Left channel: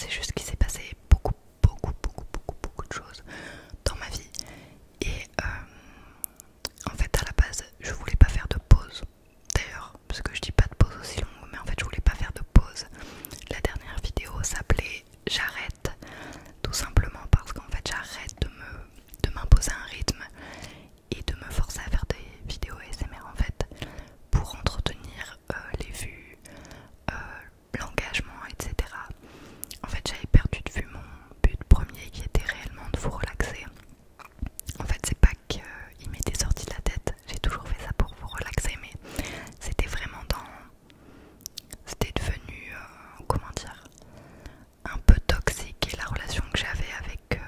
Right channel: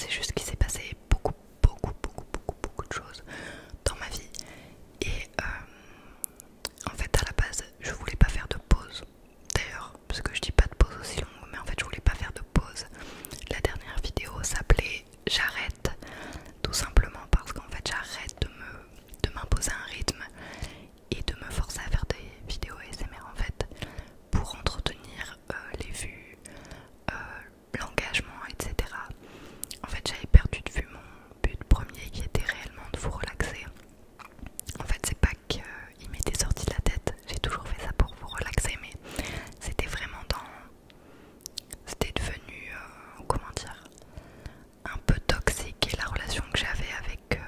c'est juste qu'il s'est passé beaucoup de choses dans ma vie. Et en fait à la base je voulais pas faire de pause. D'ailleurs, parce que je dis pas de pause aussi longue, mais en fait je voulais pas faire de pause. La dernière vidéo s'appelait J'arrête, tout simplement parce qu'en fait j'arrête de m'imposer un rythme et de me forcer à faire des vidéos ASMR en fait, pour entretenir les vues, l'engagement, etc. En fait j'avais perdu de vue mon but premier qui était réellement de vous relaxer. En fait c'est pas qu'il m'était sorti de la tête, j'ai toujours fait ça pour vous relaxer, mais c'était vraiment c'était devenu, comment dire, un peu toxique, et la relation que j'avais avec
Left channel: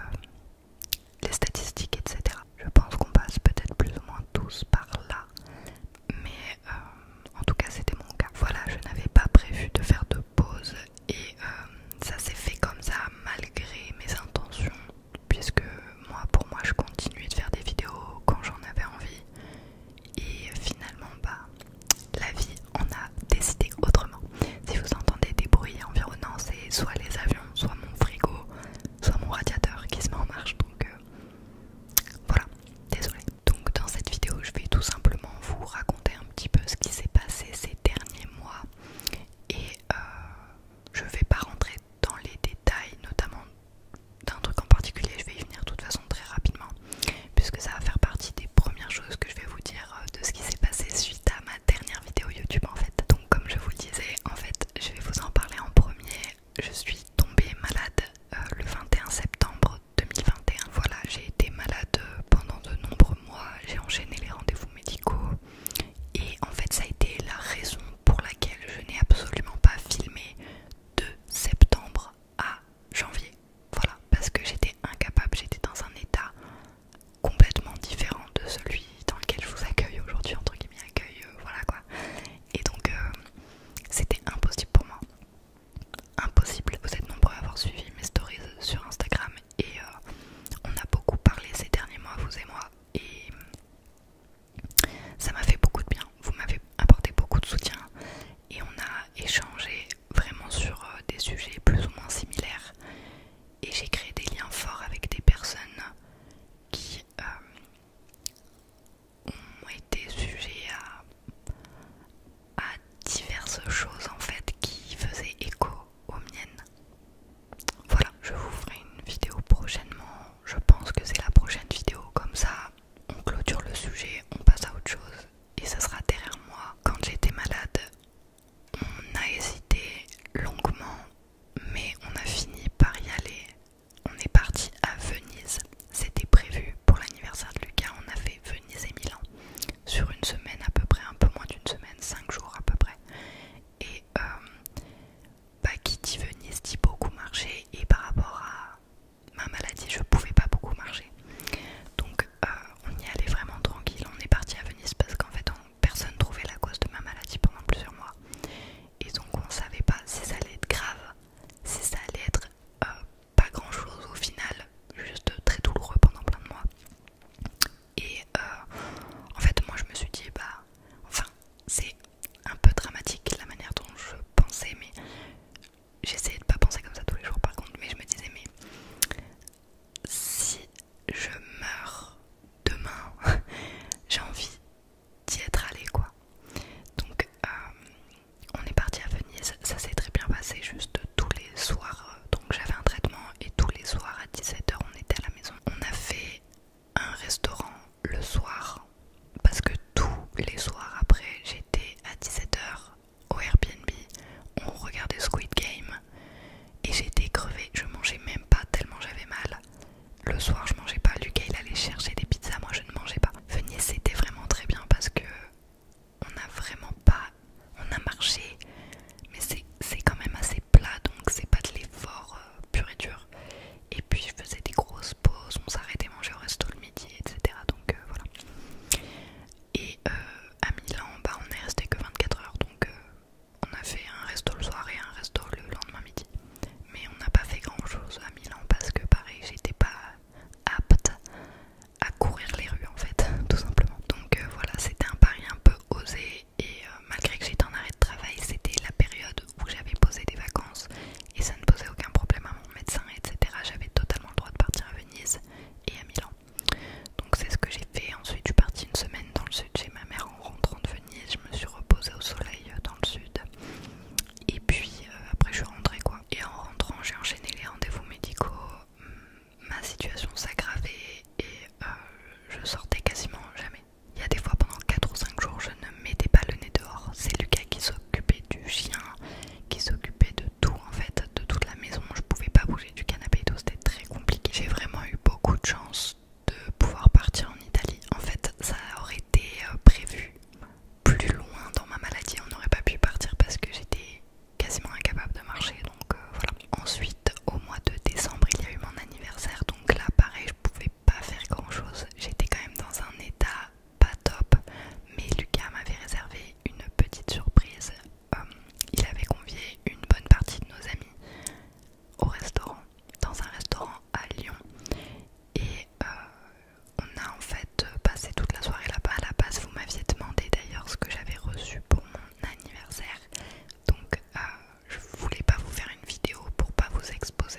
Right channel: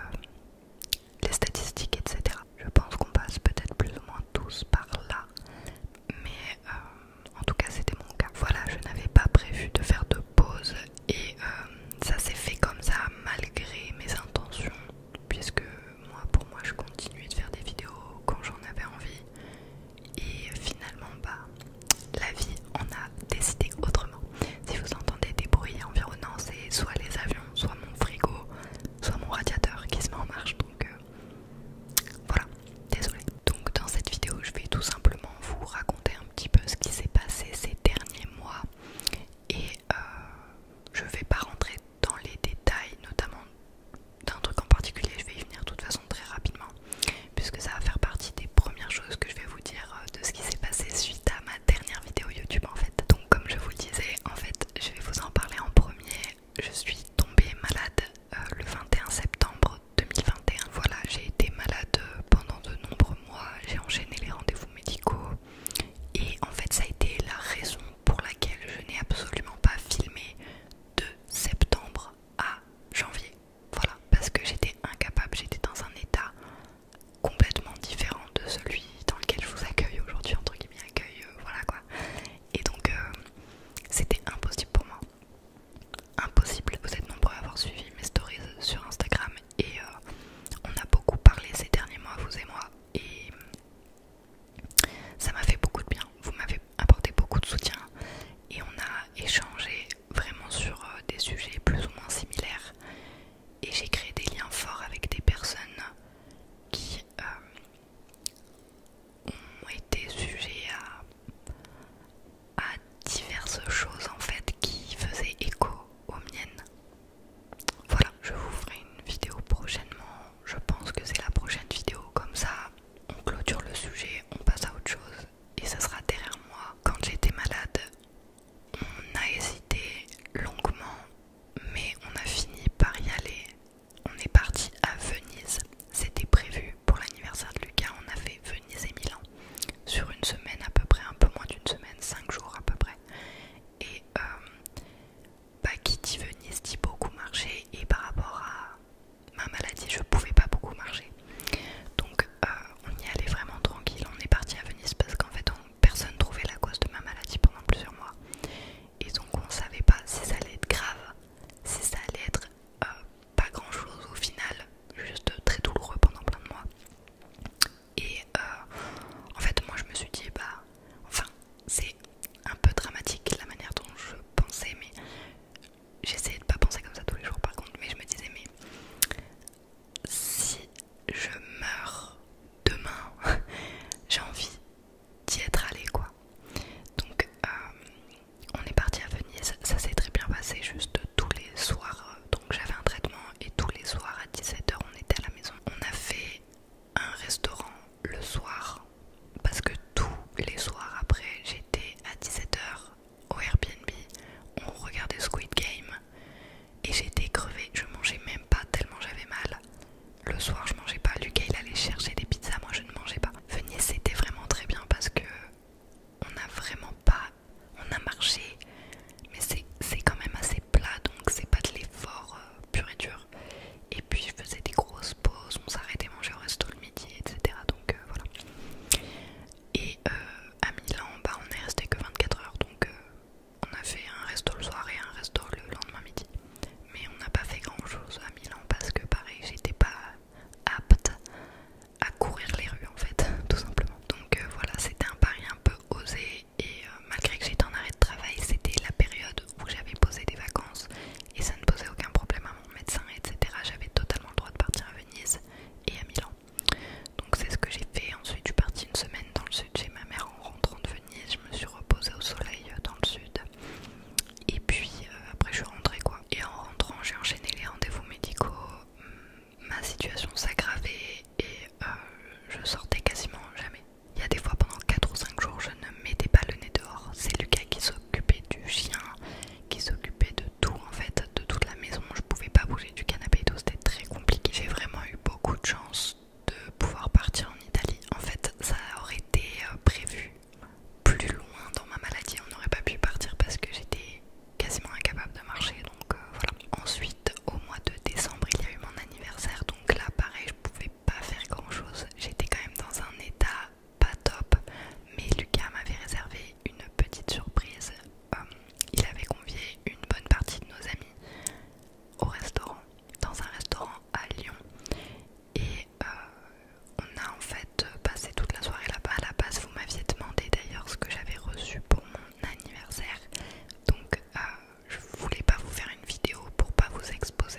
les statistiques, etc. Je pense qu'on passe peut-être plus ou moins tous par là, mais en tout cas c'était mon cas. Voilà, je n'avais pas prévu de faire de pause et ça s'est fait comme ça malgré mes intentions, puisque pour moi je continuais de faire des vidéos quand j'en avais envie, et finalement la vie en a décidé autrement. Si vous entendez des bruits environnants, c'est soit les avions, soit mon frigo, soit mon radiateur qui se met en marche, donc voilà, désolée. Donc dans cette vidéo je vais tout simplement vous raconter un petit peu ce qui s'est passé ces derniers mois, et je vais pas rentrer dans les détails, notamment d'un truc en particulier, je vais y venir de toute façon très rapidement, puisque ça va faire partie des premières choses que je vais vous dire de ce qui s'est passé suite à ma dernière vidéo YouTube en fait. Donc comme je vous le disais, en fait je vais vous en parler en premier. Je suis tombée malade le 21 septembre 2021. Voilà, j'ai été malade pendant de nombreux mois, j'ai enchaîné les rendez-vous médicaux, et en fait ça a été la raison pour laquelle je n'ai absolument pas filmé de septembre à janvier. Voilà, parce que j'étais incapable, j'étais dans un état complètement différent de celui dans lequel je vous accueille aujourd'hui, entre guillemets accueil, voilà quoi. Et donc c'était impossible pour moi. Impossible. Vous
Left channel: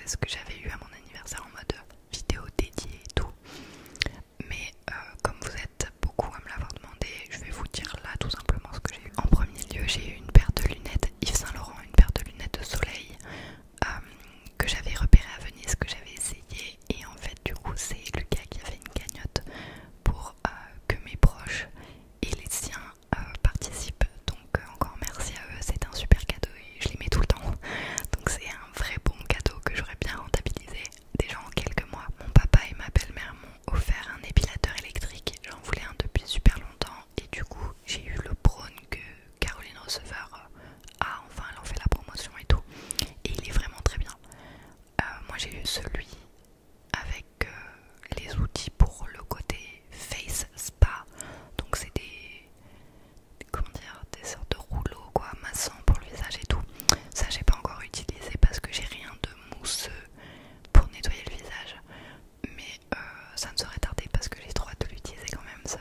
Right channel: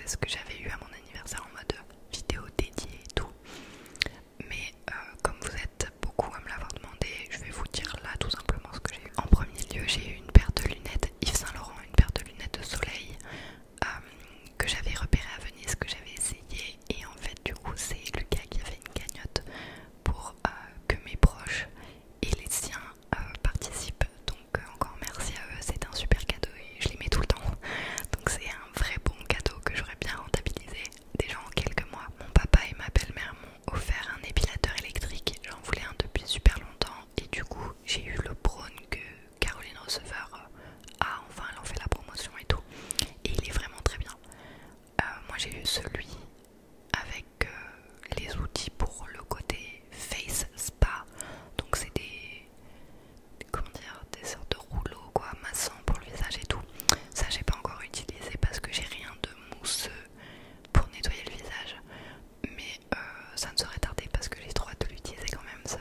ce que j'avais eu à mon anniversaire en mode vidéo dédiée et tout. Mais comme vous êtes beaucoup à me l'avoir demandé, je vais vous dire là tout simplement ce que j'ai eu. En premier lieu, j'ai eu une paire de lunettes Yves Saint Laurent, une paire de lunettes de soleil que j'avais repéré à Venise, que j'avais essayé, et en fait du coup c'est Lucas qui a fait une cagnotte pour que mes proches et les siens participent, donc encore merci à eux, c'est un super cadeau et je les mets tout le temps, donc c'est un vrai bon cadeau que j'aurais bien rentabilisé déjà en quelques mois. Mon papa et ma belle-mère m'ont offert un épilateur électrique, j'en voulais un depuis super longtemps, et du coup j'ai eu le Braun que Caroline Receveur a, enfin elle en fait la promotion et tout, et il est vraiment très bien. Moi j'ai eu celui avec les outils pour le côté face spa, donc c'est comment dire, des sortes de rouleaux quoi, massants pour le visage et tout. Ça j'ai pas encore utilisé parce que j'ai rien de mousseux pour nettoyer le visage, mais ça ne serait tardé parce que j'ai trop hâte de l'utiliser quand même,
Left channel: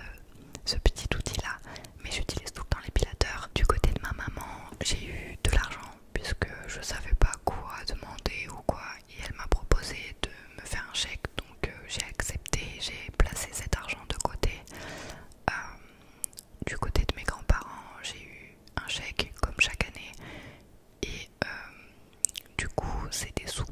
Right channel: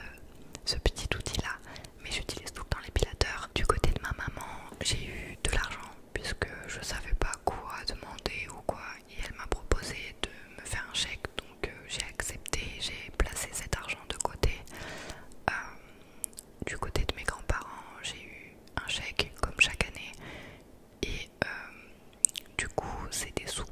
ce petit outil là. Mais j'utilise tout le temps l'épilateur. Du côté de ma maman, j'ai eu de l'argent puisque je savais pas quoi demander ou quoi, et elle m'a proposé de me faire un chèque, donc j'ai accepté, j'ai placé cet argent de côté. Du côté de mes grands-parents, j'ai eu un chèque comme chaque année, et du coup c'est des sous